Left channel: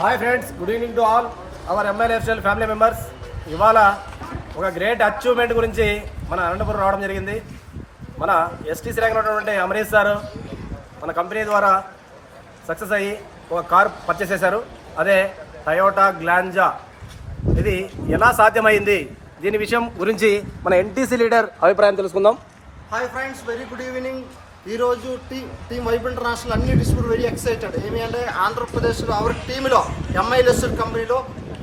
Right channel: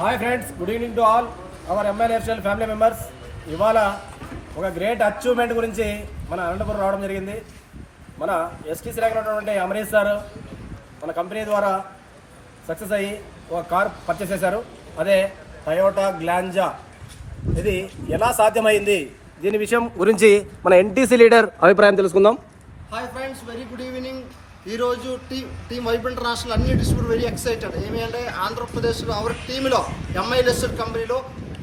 Hi friends, good evening to all our ML lifestyle family members. ఇవాళ ఒక great achievement గురించి మన అనంతపురం రావడం జరిగింది. మన ఎస్టీసీ ర్యాంక్లో ఉన్నటువంటి అమరీష్ సార్ మన కంపెనీ ద్వారా సక్సెస్ అయ్యి ఒక కార్ పర్చేస్ చేశారు. అదే టయోటా గ్లాంజా. ఇది ఎలా సాధ్యమైంది, దీని విషయం గురించి మన ఎన్టీసీ లీడర్ అభిప్రాయం తెలుసుకుందాం. Hi friends, very good evening. ఈరోజు టీమ్ వైబ్ ఇంటర్నేషనల్ అన్ని డిస్ట్రిబ్యూటర్ వెరీ ఎక్సైటెడ్. ఏమి అంటే ఆంధ్రప్రదేశ్లో అవర్ టీంలో ఎంఐఎల్ఎస్ఎల్ కంపెనీలో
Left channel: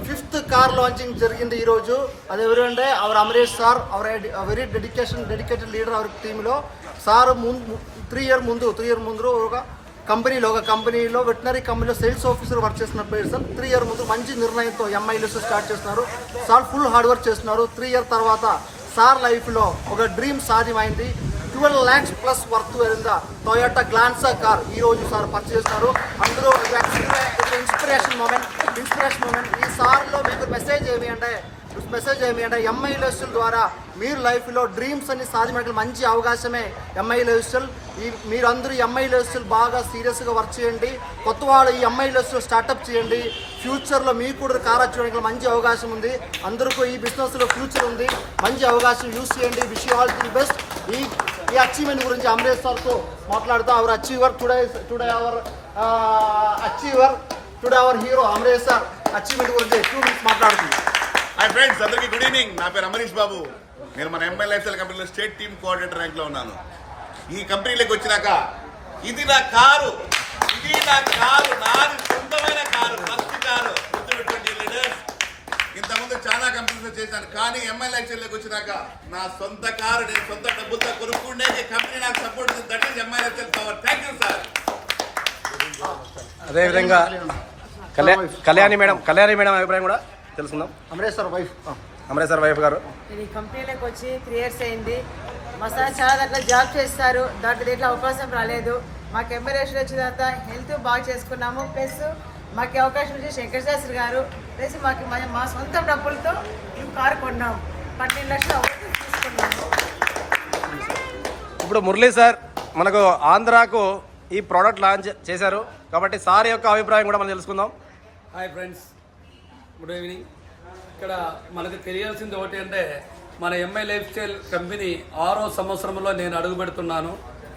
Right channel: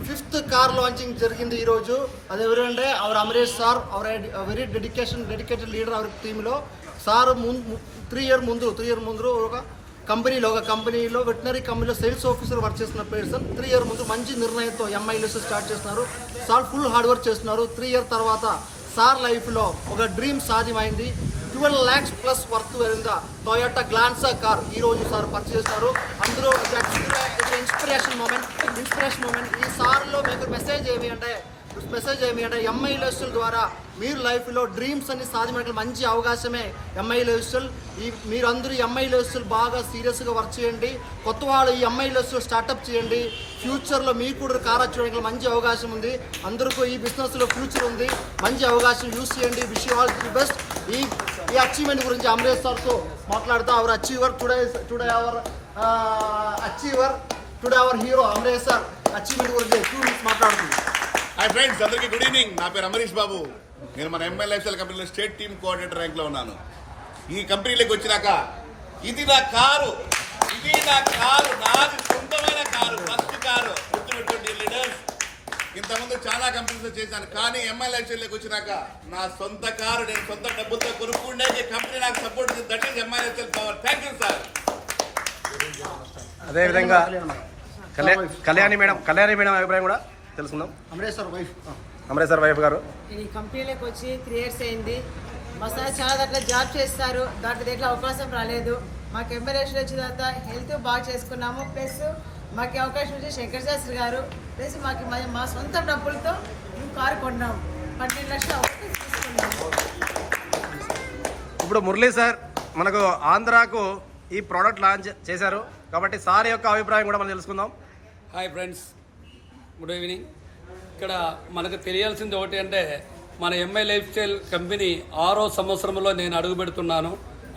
5th కార్ లాంచింగ్ జరిగింది ఈరోజు. అది ఎవరంటే our Amarish sir, our very dedicated leader our టీంలో. సార్ 3 ఇయర్ ముందు ఒక కంపెనీలో వెటనరీ కంపెనీలో సేల్స్ ఆఫీసర్ వర్క్ చేస్తున్న పర్సన్. 3 ఇయర్ ముందు మంచి నిర్ణయంతో ఎంఐఎల్ఎస్ఎల్ స్టార్ట్ చేస్తున్నారు. సార్ ఫుల్ హార్డ్ వర్క్ చేస్తున్నారు. 3 ఇయర్ తర్వాత సార్ లైఫ్లో ఒక డ్రీమ్ సాధ్యమైంది. 12 lakhs ప్లస్ వర్త్ అయిన టొయోటా గ్లాన్సా కార్ ఈ రోజు సార్ పర్చేస్ చేస్తారు. అందరూ ఇన్స్పిరేషన్ మూమెంట్. ఈ సార్లో మీకు మెసేజ్ ఏమి అంటే ఎంఐఎల్ఎస్ఎల్ ద్వారా మీరు లైఫ్లో డ్రీమ్స్ అన్ని సాధించడానికి మంచి అవకాశమే ఎంఐఎల్ఎస్ఎల్. మీరందరూ ఎంఐఎల్ఎస్ఎల్ బాగా సీరియస్గా వర్క్ చేయండి. కొత్త వాళ్ళు ఈ ఎంఐఎల్ఎస్ఎల్ స్టార్ట్అప్ చేయండి. ఫ్యూచర్లో మీకు కూడా కార్ వచ్చేయడానికి మంచి అవకాశం ఉంది. అందరికీ ఈ బిజినెస్లో ఫ్యూచర్ ఉంది. మంచి అవకాశం యూస్ చేయండి. Wish you all the best. ఈ అచీవ్మెంట్ గురించి అమరేష్ సార్తో మాట్లాడుతూ our achiever today our hero Amaresh sir achievement గురించి 2 minutes మాట్లాడుతుంది. హాయ్ ఫ్రెండ్స్, అందరికీ గుడ్ ఈవినింగ్. నా పేరు అమరీష్ బాబు. నేను మన ఎంఐ లైఫ్స్టైల్ కంపెనీలో స్టేట్ టీమ్ కోఆర్డినేటర్ ర్యాంక్లో ఉన్నాను. ఈ కంపెనీలోకి వచ్చినాక ఇది నా కారు, నాది సొంతమైన కారు, ఫస్ట్ కారు. గుర్తుపెట్టుకోండి లీడర్స్. ఇంతకుముందు చాలా కంపెనీస్ చేశాను, కానీ ఎంఐ లైఫ్స్టైల్లోకి వచ్చినాక నా సొంత కారు, నేను సొంత డబ్బులతో కొనుక్కుండే కంపెనీ నాకు సపోర్ట్ చేసింది. That is MI lifestyle power. Thank you sir. అదేవిధంగా కళ్యాణి మేడం అభిప్రాయం కూడా తెలుసుకుందాం. అమరేష్ సార్ వైఫ్ గారు ఇది కంపెనీలోకి వచ్చి 3 years అయింది. మా సార్ చాలా దగ్గర జాబ్ చేస్తారు. దీంట్లో అవకాశం రాలేదు. మాకు ఎంబరేషన్ వచ్చిన తర్వాత హెల్త్ బాగా చేసుకున్నాము. ప్లస్ మాకు అవకాశం వచ్చి శంకర్ శాస్త్రి గారు ప్లస్ మాకు మా సొంత డబ్బులతో మేము కారు కొన్నాము. 12 లక్షలు అవకాశం తీసుకున్నాము. ఇప్పుడు మురళీ సార్ మనకు ఆంధ్రాకు ఈ ప్రోడక్ట్ లాంచ్ చేశారు కాబట్టి సార్ యొక్క అభిప్రాయం కూడా మనం తెలుసుకుందాం. Hi friends, good evening. ఇక్కడ మనకు తెలియాల్సింది ఒకటి అంటే మన ఎంఐ లైఫ్ స్టైల్ కంపెనీ 6వ సంవత్సరంలో నేను అడుగు పెడుతున్నాను.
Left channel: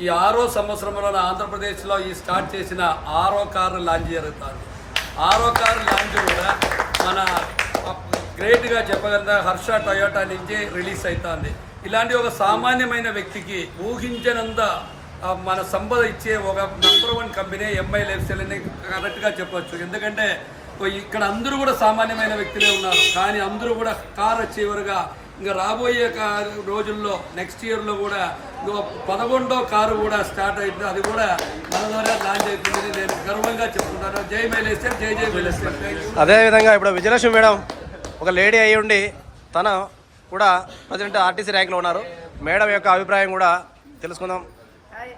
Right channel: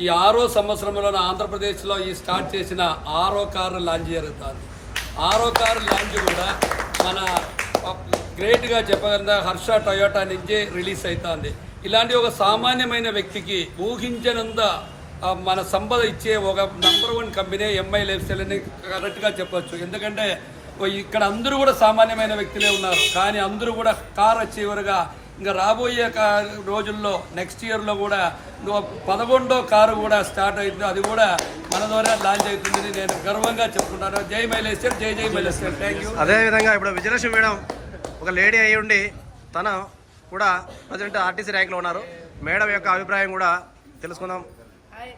ఈ 6వ సంవత్సరంలో ఆంధ్రప్రదేశ్లో ఈ స్టార్ట్ చేసిన 6వ కారు లాంచ్ జరుగుతుంది. 6వ కారు లాంచ్ కూడా మన గ్రేట్గా చెప్పగల హర్ష టొయోటా నుంచి రిలీజ్ అవుతుంది. ఇలాంటి ఒక సామాన్యమైన వ్యక్తికి ఊహించనంత మన సంపద ఇచ్చే ఒక number 1 company MI life style అని కరెక్ట్గా చెప్పొచ్చు. ఎందుకంటే ఇక్కడ అందరూ కూడా సామాన్యమైన వ్యక్తులే ఉన్నారు, కానీ అందరూ కూడా కార్ అచీవర్గా ఇంకా రాబోయే రోజుల్లో నెక్స్ట్ ఇయర్లో కూడా 11వ కారు కూడా స్టార్ట్ అవుతుంది. అది కూడా మన ద్వారా లాంచ్ అవుతుందని నేను గర్వంగా చెప్తున్నాను. జై మైలేశ్వర్, జై మైలేశ్వర్. Thank you. అదేవిధంగా ఇప్పుడు విజయలక్ష్మి మేడం ఒక లేడీ అయి ఉండి తను కూడా ప్రజెంట్ ఆర్టీసీ ర్యాంక్లో ఉన్నారు. మేడం యొక్క అభిప్రాయం కూడా తెలుసుకుందాం. హాయ్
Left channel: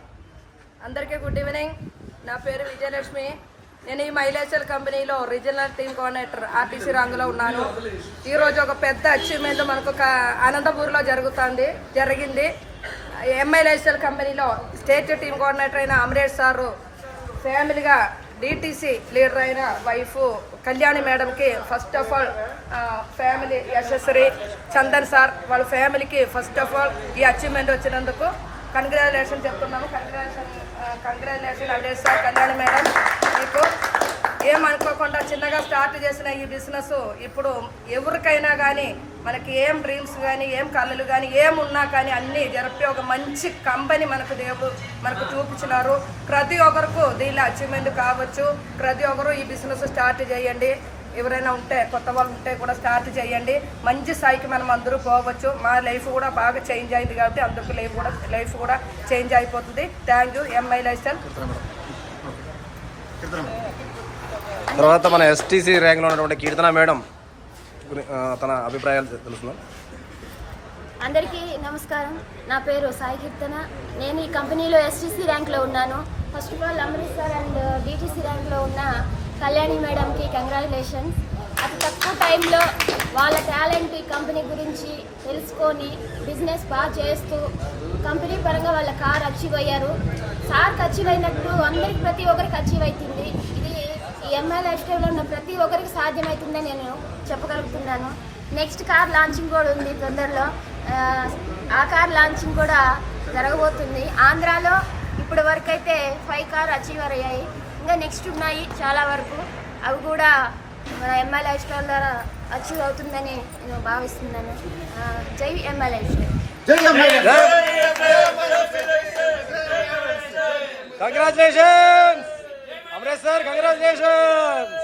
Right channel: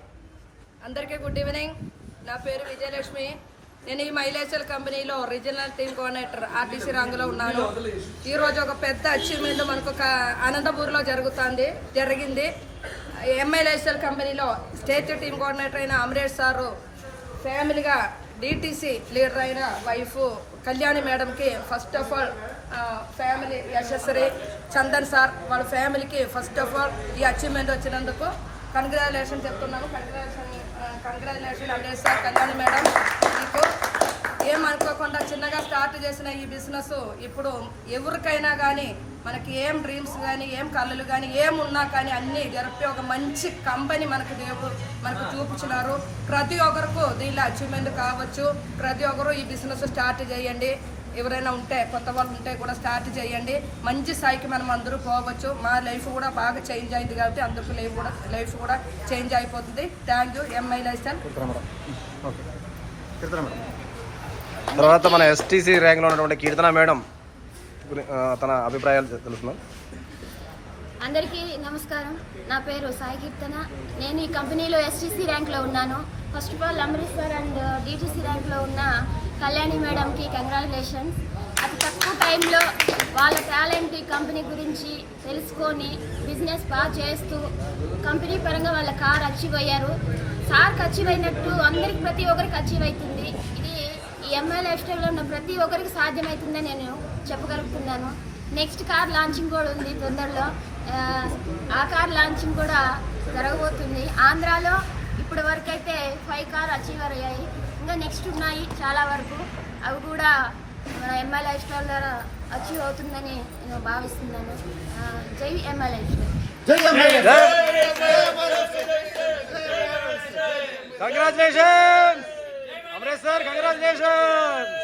అందరికీ గుడ్ ఈవినింగ్. నా పేరు విజయలక్ష్మి. నేను ఈ మైలేశ్వర్ కంపెనీలో రీజనల్ టీమ్ కోఆర్డినేటర్ ఆర్టీసీ రంగులో ఉన్నాను. ఈరోజు ఒక పెద్ద అచీవ్మెంట్ మనకు అనంతపూర్లో జరిగింది. ఎంఐఎల్ఎస్ఎల్ కంపెనీలో స్టేట్ టీమ్ కోఆర్డినేటర్ అయిన అమరేష్ సారు ఫ్యామిలీగా డిటిసి లీడర్ అయిన వైఫ్ కళ్యాణి మేడంకి first of all family Yashasvi Chandan sir వాళ్ళ ఫ్యామిలీకి ఫస్ట్ ఆఫ్ ఆల్ ఈ అచీవ్మెంట్ వచ్చినందుకు కంగ్రాచులేషన్ చెప్తున్నాము. కంగ్రాచులేషన్ అంటే సార్ కళ్యాణి మేడం, మీకు ఏమనుకోకుండా చిన్నగా స్టార్ట్ చేసిన ఈ బిజినెస్ ఇప్పుడు ఎవరికైనా కానీ మనకి ఏం డ్రీమ్స్ కానీ ఏం కళలు కానీ ఏమున్నా కానీ అన్నీ జరిపి ఒక మంచి కంపెనీ మనకు చూపించినారు. ప్రతి ఒక్కరికి దీనిలో అచీవ్మెంట్ కావచ్చు. ప్రతి ఒక్కరు ఈ బిజినెస్ స్టార్ట్ చేయండి. ఎవరైనా ఉంటే కొత్త వాళ్ళు ఉంటే కూడా స్టార్ట్ చేయండి. మంచి స్థాయికి మనం అందరూ పోవచ్చు. మా లైఫ్ కూడా బాగా చేంజ్ అయింది కాబట్టి అందరికీ లైఫ్ కూడా చేంజ్ అయిపోతుంది. Thank you MI lifestyle. తర్వాత మన ఎస్టీసీ ర్యాంక్లో ఉన్నటువంటి కీర్తన మేడం తన అభిప్రాయాలు తెలుసుకుందాం. అందరికీ నమస్కారం. నా పేరు సాయి కీర్తన. నేను ఈ కంపెనీలో ఎస్టీసీ ర్యాంక్లో ఉన్నాను. First of all Amarish sir and DTC ర్యాంక్లో ఉన్న కళ్యాణి మేడంకి కంగ్రాచులేషన్స్. అతి తక్కువ టైంలో వాళ్ళ టాలెంట్ ఈ కంపెనీ గురించి తెలుసుకొని బిజినెస్ బాగా చేస్తూ కంపెనీ పరంగా వాళ్ళ కార్ అచీవ్ అయ్యారు. సార్కి అచీవ్ అయినట్టు అందరికి ప్రతి ఒక్కరికి అచీవ్ అవుతుంది. ఇది ఈ ఎంఐ లైఫ్ స్టైల్లో ఉన్న ప్రతి ఒక్కరికి సాధ్యమవుతుందని నేను చెప్పగలుగుతున్నాను. నెక్స్ట్ కార్ లాంచింగ్ కూడా ఉంది తొందరలో. ఆ కార్ లాంచింగ్ కూడా జరగబోతుంది. ఆంధ్రాలో ఇప్పటి వరకు అయితే 5 కార్ అచీవర్ అయ్యాయి. ఇంకా నెక్స్ట్ ఉన్నాయి చాలా వరకు. అవి కూడా మన ఎంఐ లైఫ్ స్టైల్ ద్వారా అచీవ్ అవుతుందని నేను భావిస్తున్నాను. జై MI life style. Congratulations Amaresh sir, congratulations.